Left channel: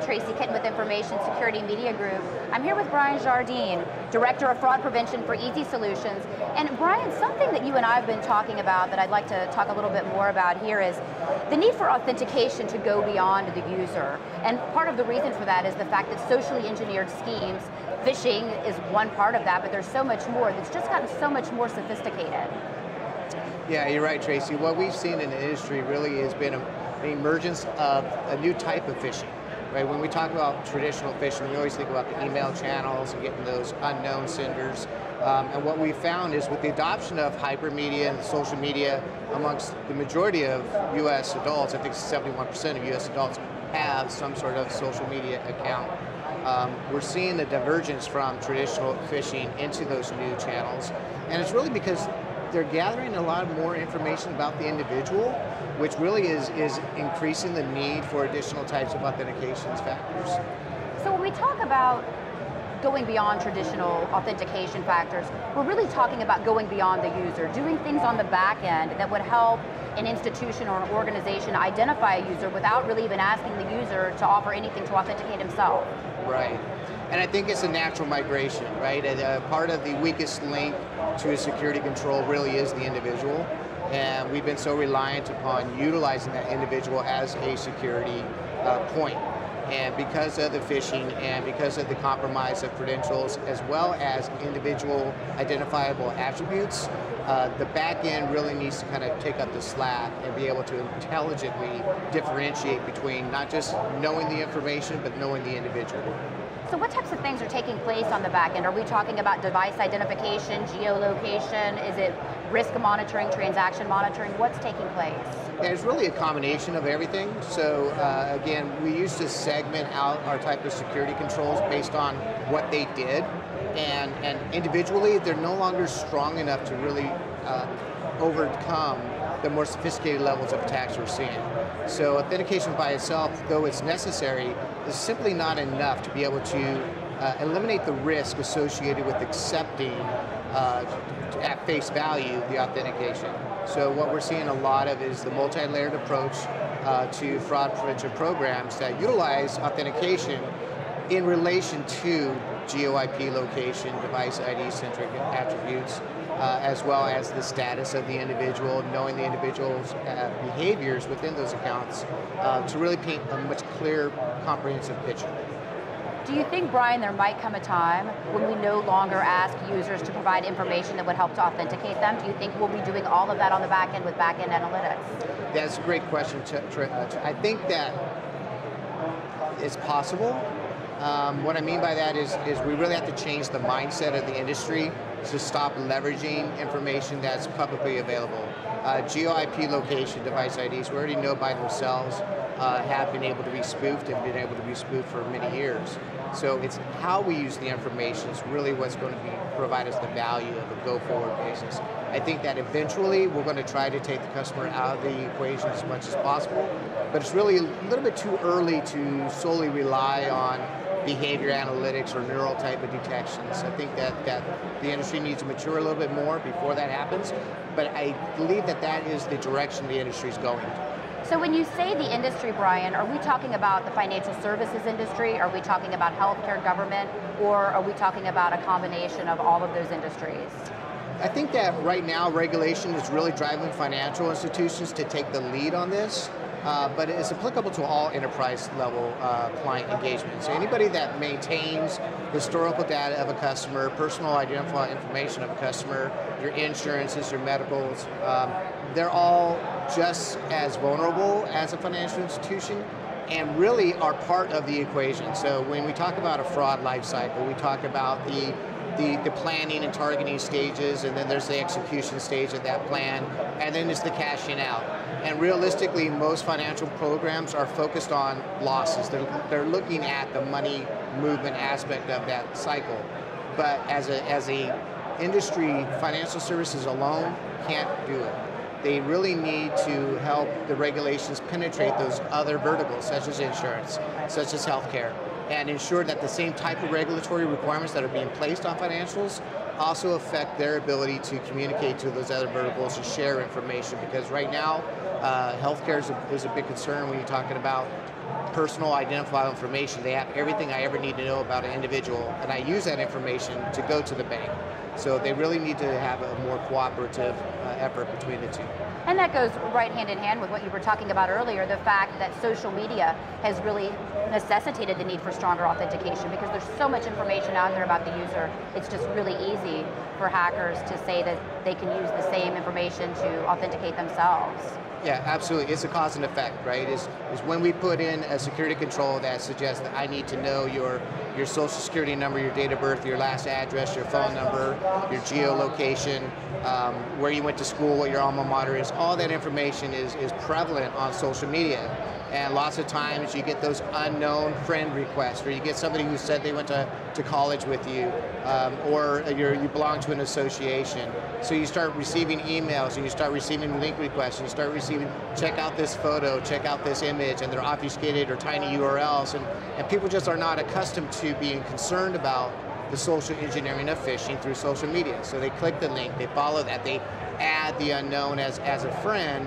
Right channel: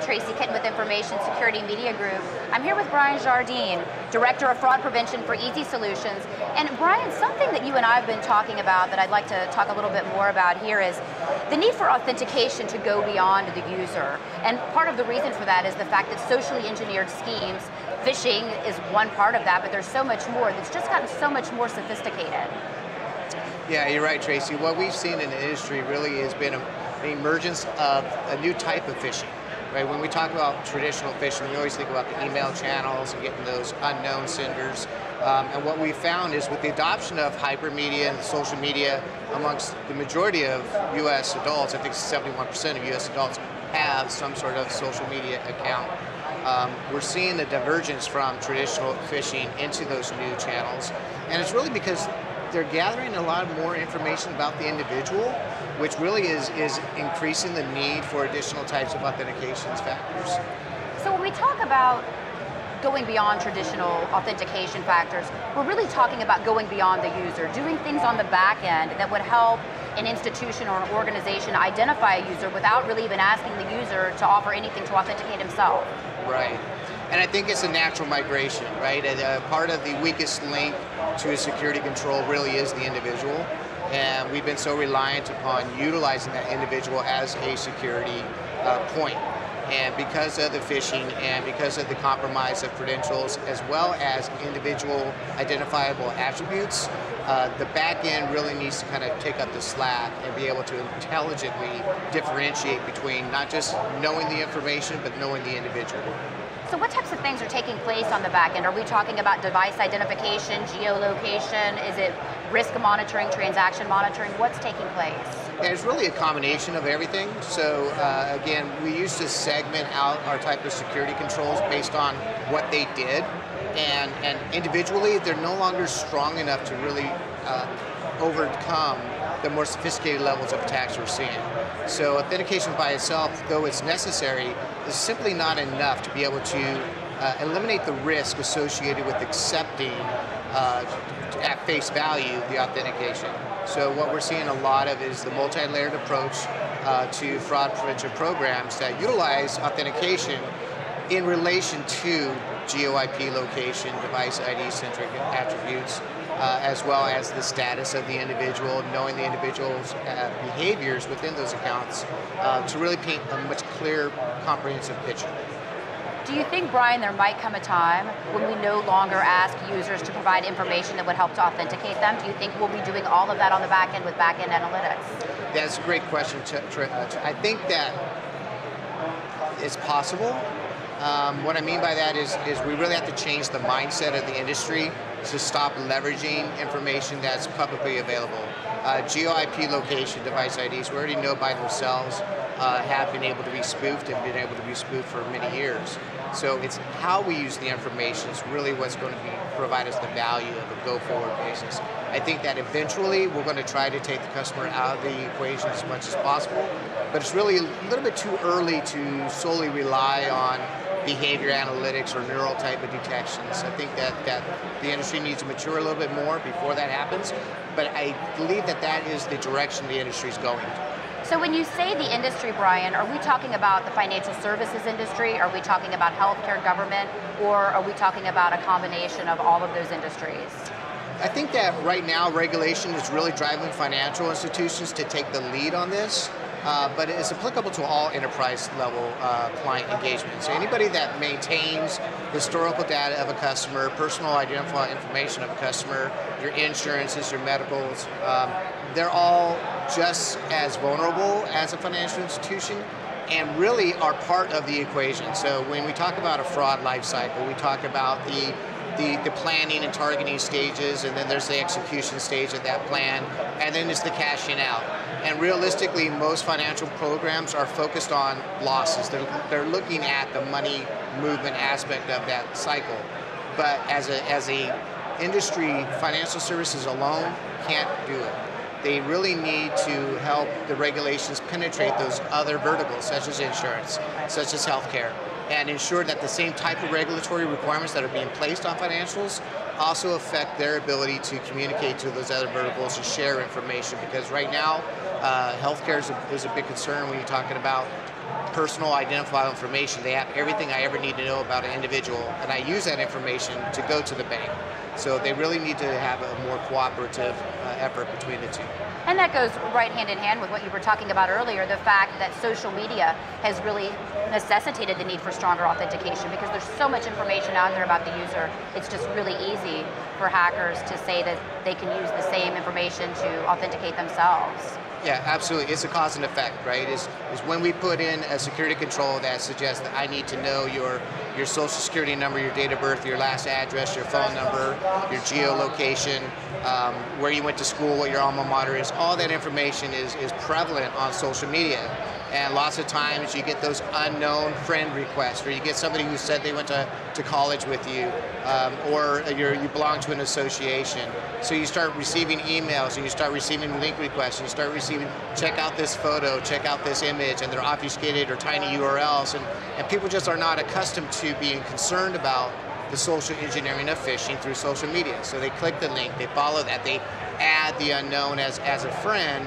Tracy Kitten with Information Security Media Group. I'm here with Bryan Jardine, Director of Fraud Prevention for Easy Solutions. And Bryan, something that you and I have been talking about that I'd like to talk a little bit more about here is the need for authentication to go beyond the user. And part of the reason for that is the fact that socially engineered schemes, phishing is one part of that, but there's so much more that's just gotten so much more sophisticated. Yeah, you're right, Tracy. What we've seen in the industry really has been an emergence of a new type of phishing. Right? When we talk about traditional phishing, we always think about the email channels and getting those unknown senders. And what we found is with the adoption of hypermedia and social media amongst the majority of U.S. adults, I think 71% of U.S. adults have some sort of social media account. We're seeing the divergence from traditional phishing into those new channels. And it's really because they're gathering a lot more information about the individual, which really is increasing the need for additional types of authentication factors. So when we talk about going beyond traditional authentication factors, we're really talking about going beyond the user, doing things on the back end that would help an institution or an organization identify a user without really even asking the user to offer anything to authenticate himself. Right. And I think it's a natural migration, right? And part of the weakest link to a security control really is the individual. And we've been so reliant upon utilizing that individual as a security point. And because of the phishing and because of the compromise of credentials, as well as individual identifiable attributes, the back end really needs to kind of take up the slack and be able to intelligently differentiate between not just knowing the information, but knowing the individual. So what types of things are taking place on the back end? Are we talking about device identification, geolocation? Is it risk monitoring, transaction monitoring? What's taking place? Yeah, it's really a combination of everything. So again, we used to segment out our type of security controls based on what they did. And individually, they're no longer strong enough to really overcome the more sophisticated levels of attacks we're seeing. So authentication by itself, though it's necessary, is simply not enough to be able to eliminate the risk associated with accepting at face value the authentication. So what we're seeing a lot of is the multi-layered approach to fraud prevention programs that utilize authentication in relation to geo-IP location, device ID-centric attributes, as well as the status of the individual, knowing the individual's behaviors within those accounts to really paint a much clearer, comprehensive picture. Do you think, Bryan, there might come a time when we no longer ask users to provide information that would help to authenticate them? Do you think we'll be doing all of that on the back end with back-end analytics? That's a great question. I think that it's possible. What I mean by that is we really have to change the mindset of the industry to stop leveraging information that's publicly available. Geo-IP location device IDs, we already know by themselves, have been able to be spoofed and been able to be spoofed for many years. So it's how we use the information is really what's going to provide us the value of a go-forward basis. I think that eventually we're going to try to take the customer out of the equation as much as possible, but it's really a little bit too early to solely rely on behavior analytics or neural type of detections. I think that the industry needs to mature a little bit more before that happens, but I believe that that is the direction the industry is going. So when you say the industry, Bryan, are we talking about the financial services industry? Are we talking about healthcare, government, or are we talking about a combination of all of those industries? I think that right now regulation is really driving financial institutions to take the lead on this. But it is applicable to all enterprise level client engagement. So anybody that maintains historical data of a customer, personal identifiable information of a customer, your insurances, your medicals, they're all just as vulnerable as a financial institution and really are part of the equation. So when we talk about a fraud life cycle, we talk about the planning and targeting stages, and then there's the execution stage of that plan, and then it's the cashing out. And realistically, most financial programs are focused on losses. They're looking at the money movement aspect of that cycle. But as a industry, financial services alone can't do it. They really need to help the regulations penetrate those other verticals, such as insurance, such as healthcare, and ensure that the same type of regulatory requirements that are being placed on financials also affect their ability to communicate to those other verticals and share information. Because right now, healthcare is a big concern when you're talking about personal identifiable information. They have everything I ever need to know about an individual, and I use that information to go to the bank. So they really need to have a more cooperative effort between the two. And that goes right hand in hand with what you were talking about earlier, the fact that social media has really necessitated the need for stronger authentication because there's so much information out there about the user. It's just really easy for hackers to say that they can use the same information to authenticate themselves. Yeah, absolutely. It's a cause and effect, right? Is when we put in a security control that suggests that I need to know your social security number, your date of birth, your last address, your phone number, your geolocation, where you went to school, what your alma mater is, all that information is prevalent on social media. And lots of times you get those unknown friend requests, or you get somebody who said they went to college with you, or you belong to an association. So you start receiving emails, and you start receiving link requests, and you start receiving, check out this photo, check out this image, and they're obfuscated or tiny URLs. And people just are not accustomed to being concerned about the social engineering of phishing through social media. So they click the link, they follow that, they add the unknown as a friend,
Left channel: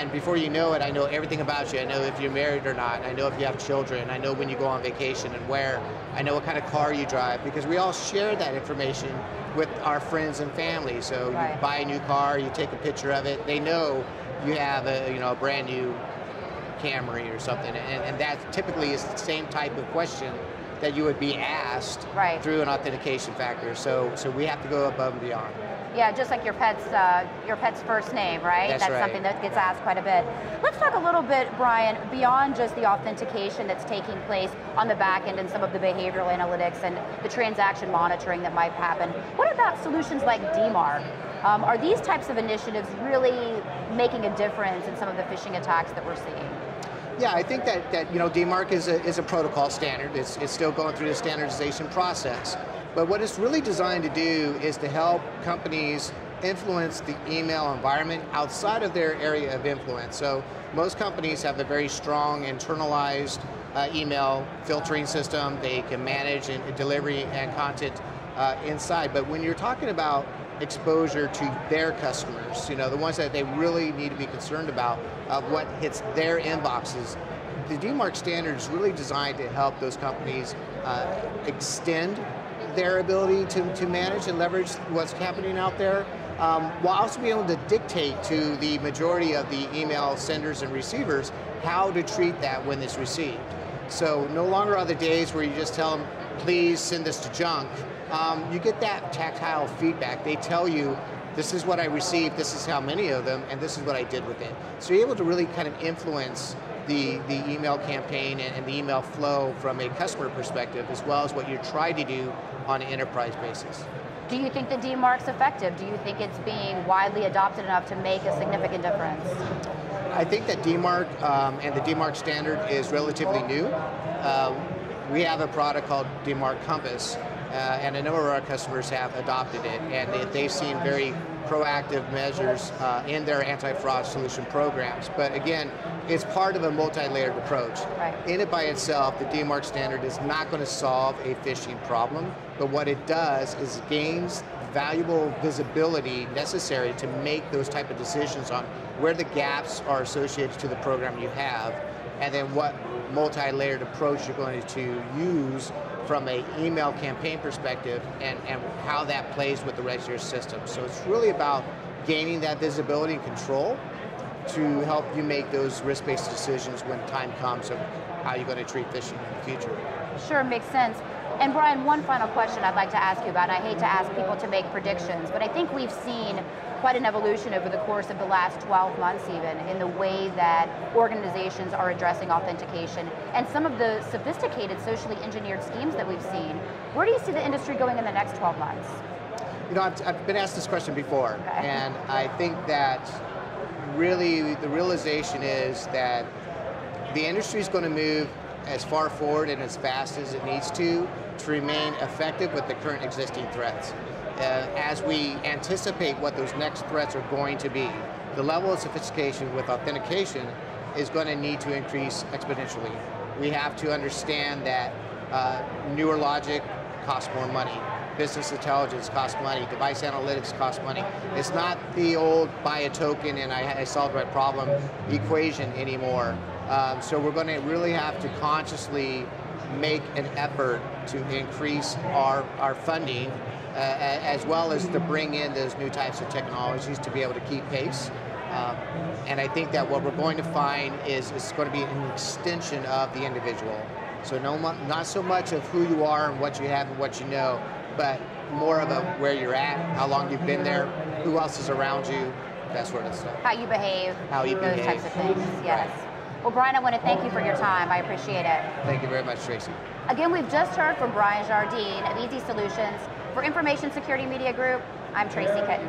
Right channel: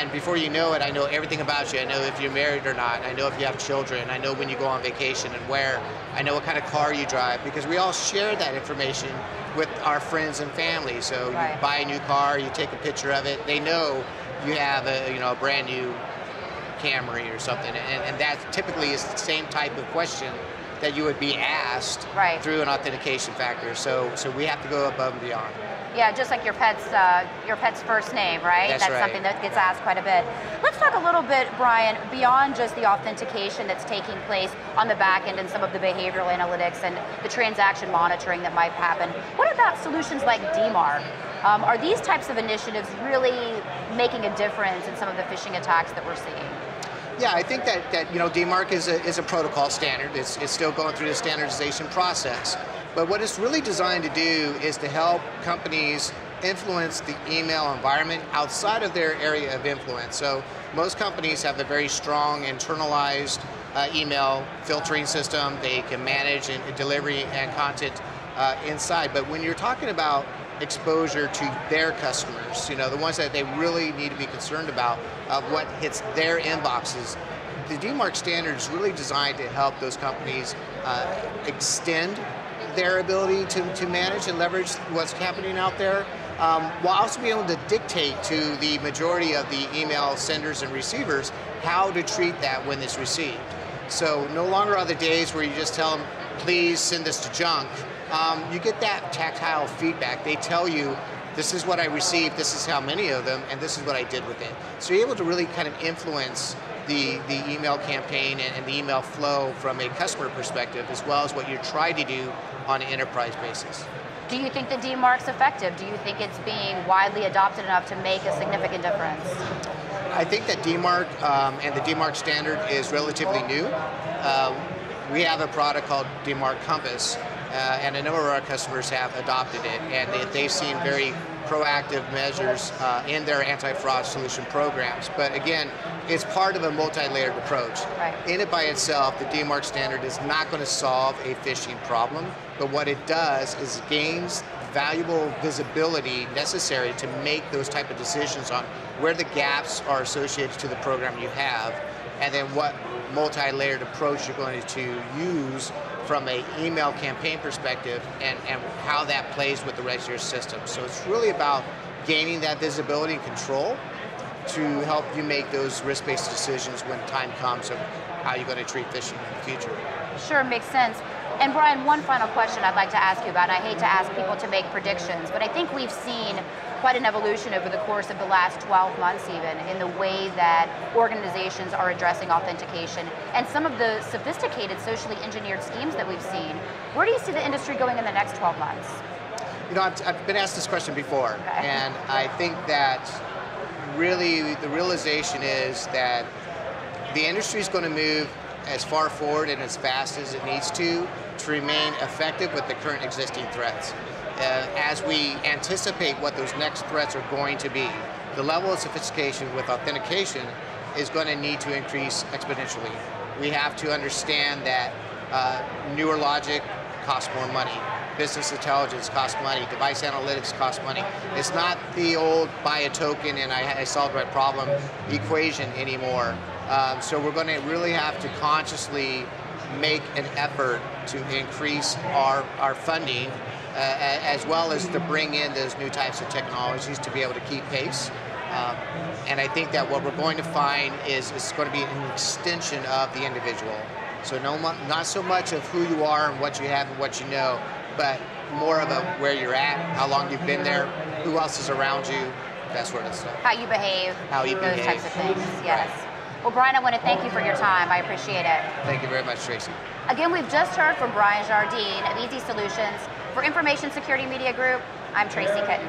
and before you know it, I know everything about you. I know if you're married or not. I know if you have children. I know when you go on vacation and where. I know what kind of car you drive, because we all share that information with our friends and family. So you buy a new car, you take a picture of it. They know you have a brand new Camry or something, and that typically is the same type of question that you would be asked through an authentication factor. So we have to go above and beyond. Yeah, just like your pet's first name, right? That's right. Something that gets asked quite a bit. Let's talk a little bit, Bryan, beyond just the authentication that's taking place on the back end and some of the behavioral analytics and the transaction monitoring that might happen. What about solutions like DMARC? Are these types of initiatives really making a difference in some of the phishing attacks that we're seeing? Yeah, I think that DMARC is a protocol standard. It's still going through the standardization process. But what it's really designed to do is to help companies influence the email environment outside of their area of influence. So most companies have a very strong internalized email filtering system. They can manage and delivery and content inside. But when you're talking about exposure to their customers, the ones that they really need to be concerned about, what hits their inboxes, the DMARC standard is really designed to help those companies extend their ability to manage and leverage what's happening out there, while also being able to dictate to the majority of the email senders and receivers how to treat that when it's received. So no longer are the days where you just tell them, please send this to junk. You get that tactile feedback. They tell you, this is what I received, this is how many of them, and this is what I did with it. So you're able to really kind of influence the email campaign and the email flow from a customer perspective, as well as what you're trying to do on an enterprise basis. Do you think the DMARC's effective? Do you think it's being widely adopted enough to make a significant difference? I think that DMARC and the DMARC standard is relatively new. We have a product called DMARC Compass, and a number of our customers have adopted it, and they've seen very proactive measures in their anti-fraud solution programs. But again, it's part of a multi-layered approach. In it by itself, the DMARC standard is not going to solve a phishing problem, but what it does is gains valuable visibility necessary to make those type of decisions on where the gaps are associated to the program you have, and then what multi-layered approach you're going to use from an email campaign perspective, and how that plays with the rest of your system. So it's really about gaining that visibility and control to help you make those risk-based decisions when time comes of how you're going to treat phishing in the future. Sure, makes sense. And Bryan, one final question I'd like to ask you about, and I hate to ask people to make predictions, but I think we've seen quite an evolution over the course of the last 12 months even in the way that organizations are addressing authentication and some of the sophisticated socially engineered schemes that we've seen. Where do you see the industry going in the next 12 months? I've been asked this question before, and I think that really the realization is that the industry is going to move as far forward and as fast as it needs to remain effective with the current existing threats. As we anticipate what those next threats are going to be, the level of sophistication with authentication is going to need to increase exponentially. We have to understand that newer logic costs more money. Business intelligence costs money. Device analytics costs money. It's not the old buy a token and I solved my problem equation anymore. So we're going to really have to consciously make an effort to increase our funding, as well as to bring in those new types of technologies to be able to keep pace. And I think that what we're going to find is it's going to be an extension of the individual. So not so much of who you are and what you have and what you know, but more of where you're at, how long you've been there, who else is around you, that sort of stuff. How you behave. How you those behave. types of things, yes. Right. Well, Bryan, I want to thank you for your time. I appreciate it. Thank you very much, Tracy. Again, we've just heard from Bryan Jardine of Easy Solutions. For Information Security Media Group, I'm Tracy Kitten.